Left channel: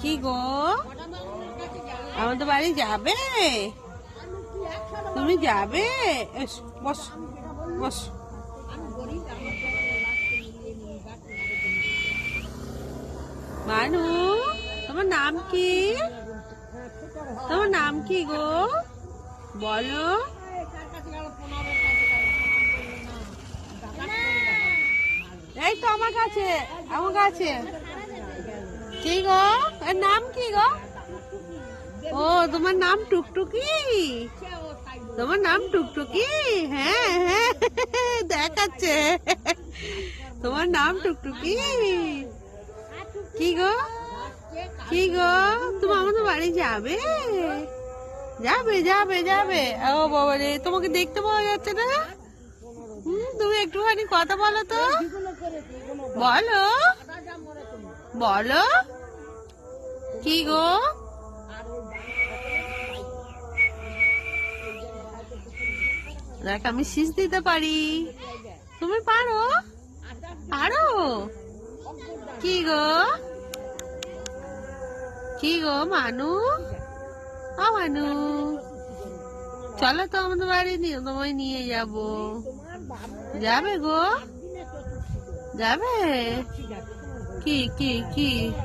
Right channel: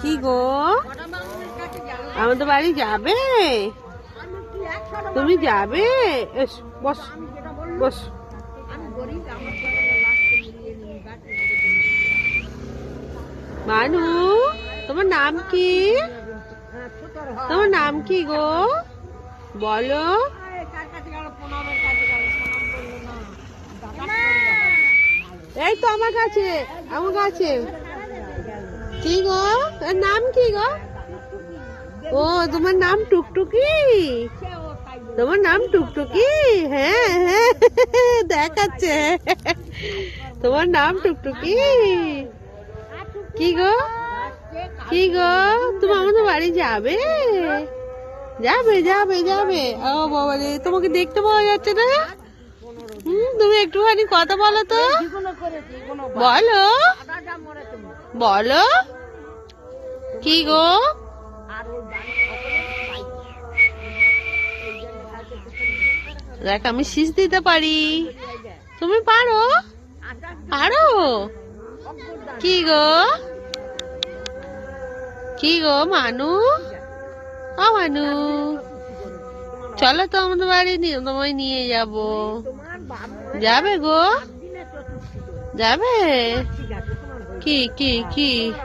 কি গো, আমাদের বাড়ি যাবে? তুমি যাবে? এস, বস বস। মানু, তোমার নাম কি? তোমার নাম কি গো, বলো। এই তো আমার কাছে, আমার কাছে। কি গো, এর নাম কি গো? ও, তোমার নাম টুকটুকি? তোমার নাম টুকটুকি? হ্যাঁ হ্যাঁ, দেখাচ্ছে। তোমার নাম টুকটুকি? কি গো, কি গো, তুমি আমাদের বাড়ি যাবে? যাবে যাবে যাবে। ও বাবা রে, তোমাকে দেখতে পাওয়া যাচ্ছে না। তুমি একটুখানি কথা বলো তো, বলো বলো। কি গো, দেখ আমি শীষ দিতে পারি, তুমি পারো? পারো? কি গো, কি গো মানু, ও মানু, চলো তো আমাদের বাড়ি, তোমায় নিয়ে যাব। যাবে গো, যাবে? কি কি কি